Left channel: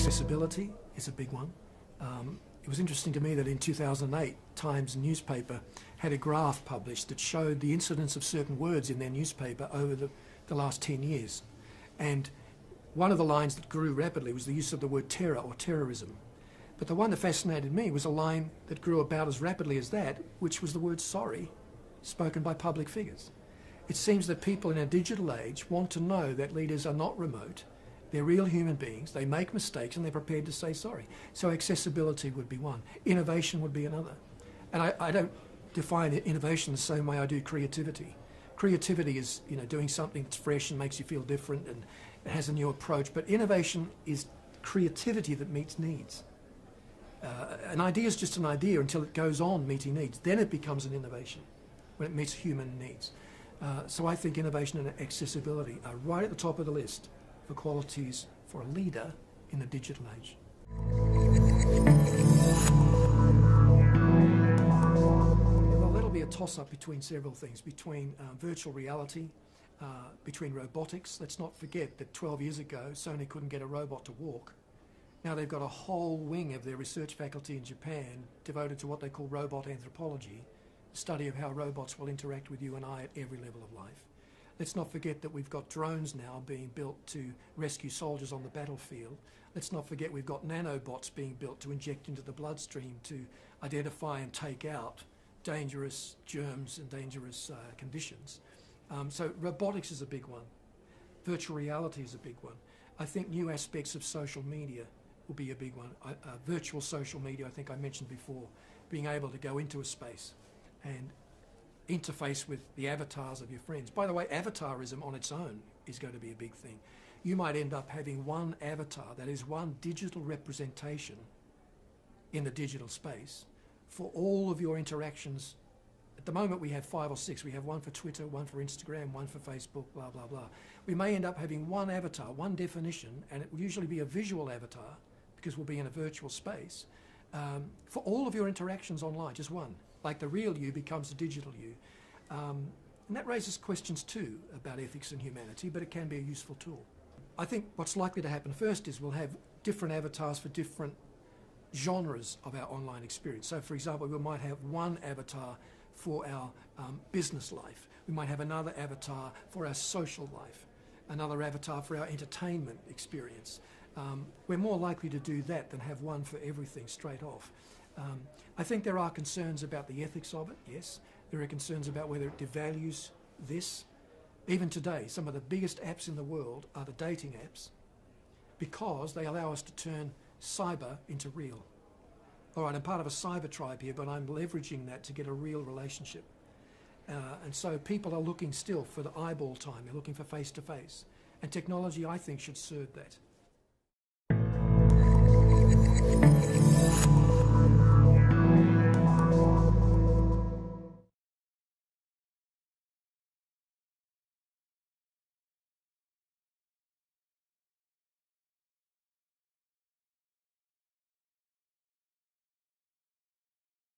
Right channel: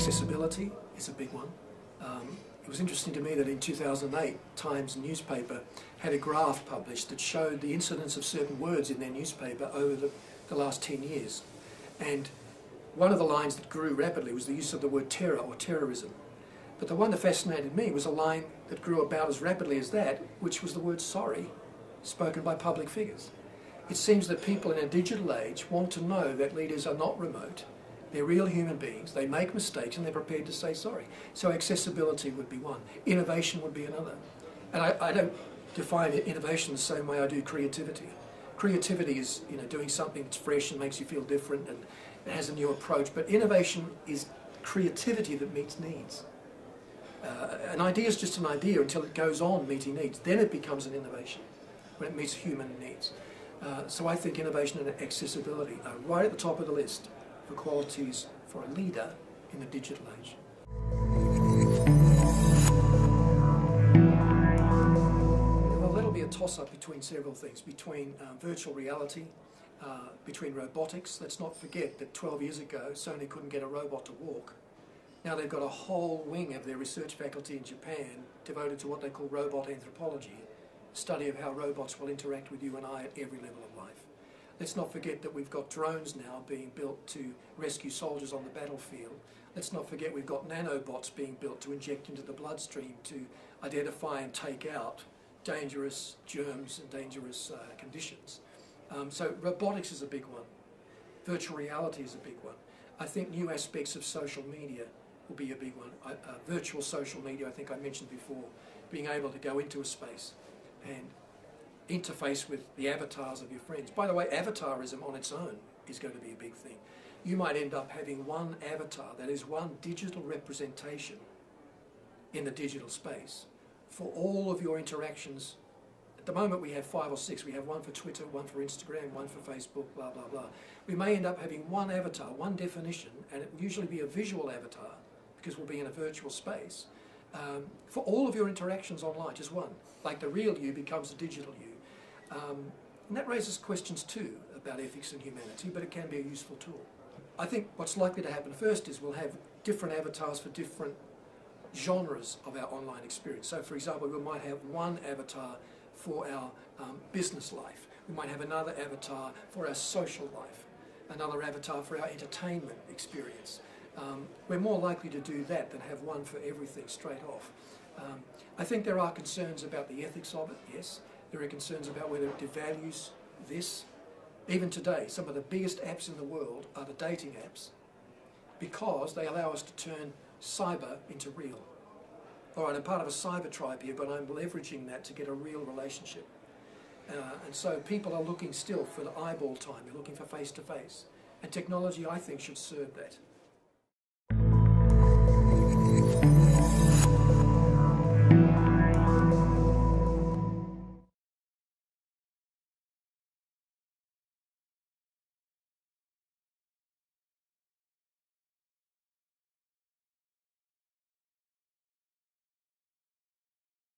Accessibility is a big one. It was interesting to me that in 2008, Times newspaper had a graph published that showed the incidence of certain words in their newspaper over the last 10 years. And one of the lines that grew rapidly was the use of the word terror or terrorism. But the one that fascinated me was a line that grew about as rapidly as that, which was the word sorry, spoken by public figures. It seems that people in a digital age want to know that leaders are not remote, they're real human beings, they make mistakes and they're prepared to say sorry. So accessibility would be one. Innovation would be another. And I don't define innovation the same way I do creativity. Creativity is, doing something that's fresh and makes you feel different and it has a new approach. But innovation is creativity that meets needs. An idea is just an idea until it goes on meeting needs. Then it becomes an innovation when it meets human needs. So I think innovation and accessibility are right at the top of the list for qualities for a leader in the digital age. Well, that'll be a toss-up between several things, between virtual reality, between robotics. Let's not forget that 12 years ago Sony couldn't get a robot to walk. Now they've got a whole wing of their research faculty in Japan devoted to what they call robot anthropology, a study of how robots will interact with you and I at every level of life. Let's not forget that we've got drones now being built to rescue soldiers on the battlefield. Let's not forget we've got nanobots being built to inject into the bloodstream to identify and take out dangerous germs and dangerous conditions. So robotics is a big one. Virtual reality is a big one. I think new aspects of social media will be a big one. Virtual social media, I think I mentioned before, being able to go into a space and interface with the avatars of your friends. By the way, avatarism on its own is going to be a big thing. You might end up having one avatar, that is one digital representation in the digital space for all of your interactions. At the moment we have 5 or 6. We have one for Twitter, one for Instagram, one for Facebook, blah, blah, blah. We may end up having one avatar, one definition, and it will usually be a visual avatar because we'll be in a virtual space, for all of your interactions online, just one. Like the real you becomes the digital you. And that raises questions too about ethics and humanity, but it can be a useful tool. I think what's likely to happen first is we'll have different avatars for different genres of our online experience. So for example, we might have one avatar for our business life. We might have another avatar for our social life, another avatar for our entertainment experience. We're more likely to do that than have one for everything straight off. I think there are concerns about the ethics of it, yes. There are concerns about whether it devalues this. Even today, some of the biggest apps in the world are the dating apps because they allow us to turn cyber into real. All right, I'm part of a cyber tribe here, but I'm leveraging that to get a real relationship. And so people are looking still for the eyeball time. They're looking for face-to-face. And technology, I think, should serve that.